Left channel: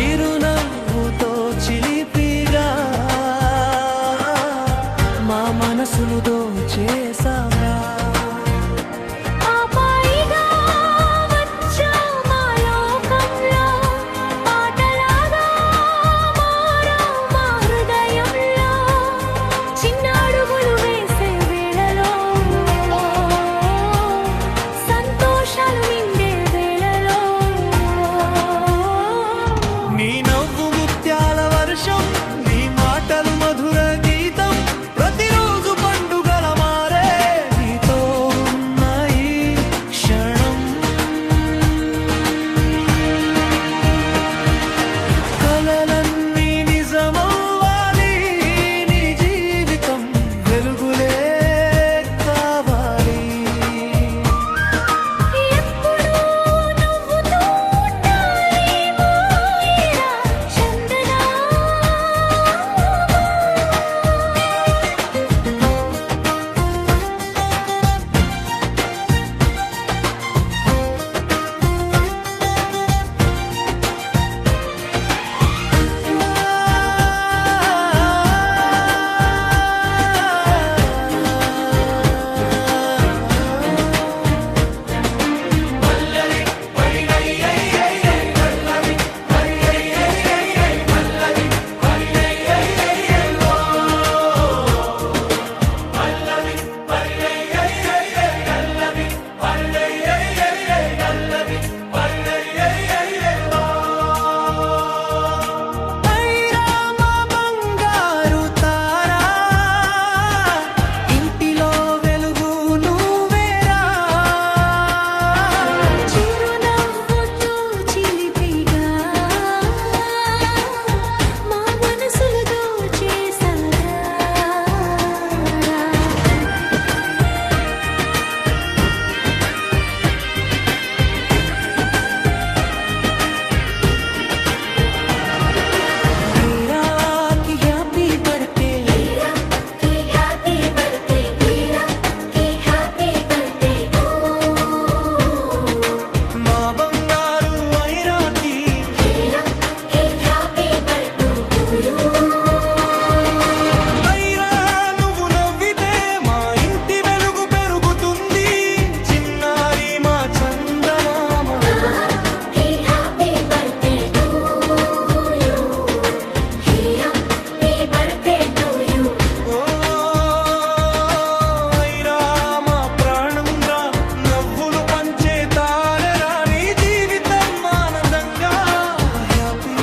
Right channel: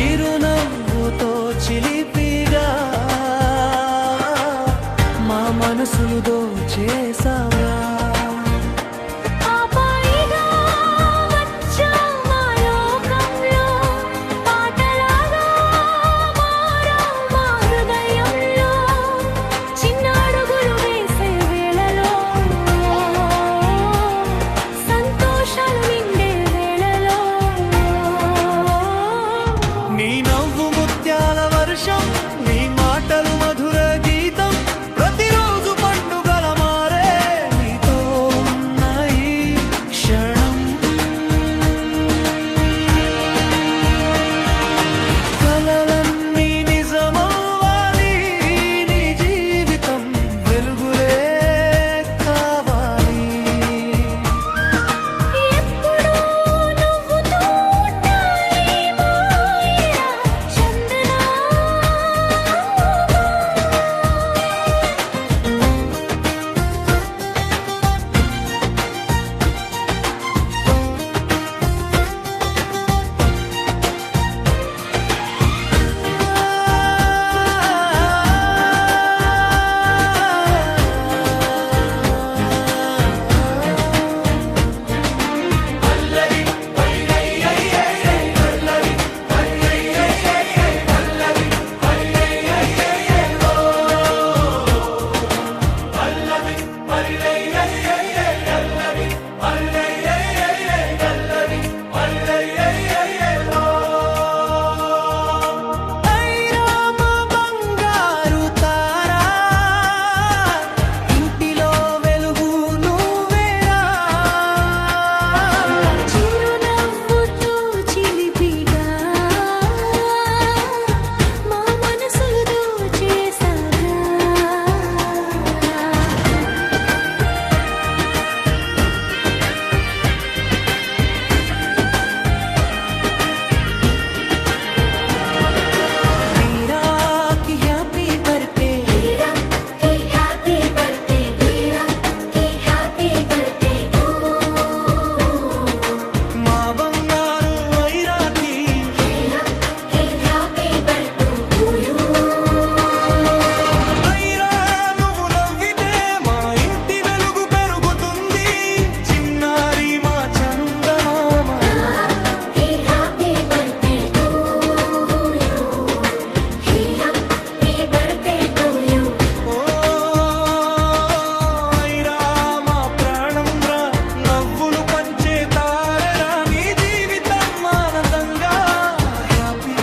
చిరునవ్వుతో చిలిపిగా మా మనసులు దోచేసావా. నీ నవ్వు ముత్యాల వర్షం, నీ మాటలు మధుర గీతం, ప్రతిరోజు పండుగల మారే నీతో ఉన్న ఈ క్షణం. కలలన్నీ నిజమవ్వాలి, నీ జీవితం వెలుగులే కావాలి. మా బంగారు ఐరాకి ఐరా, నువ్వు నవ్వితే మా ఇంటి వెలుగు పెరుగుతుంది. చిన్నారి మా చందమామ, ఓ ఐరా మా ప్రాణం రా, నవ్వులు పంచే తారరా, నీ జీవితం ఆనందంగా హ్యాపీ.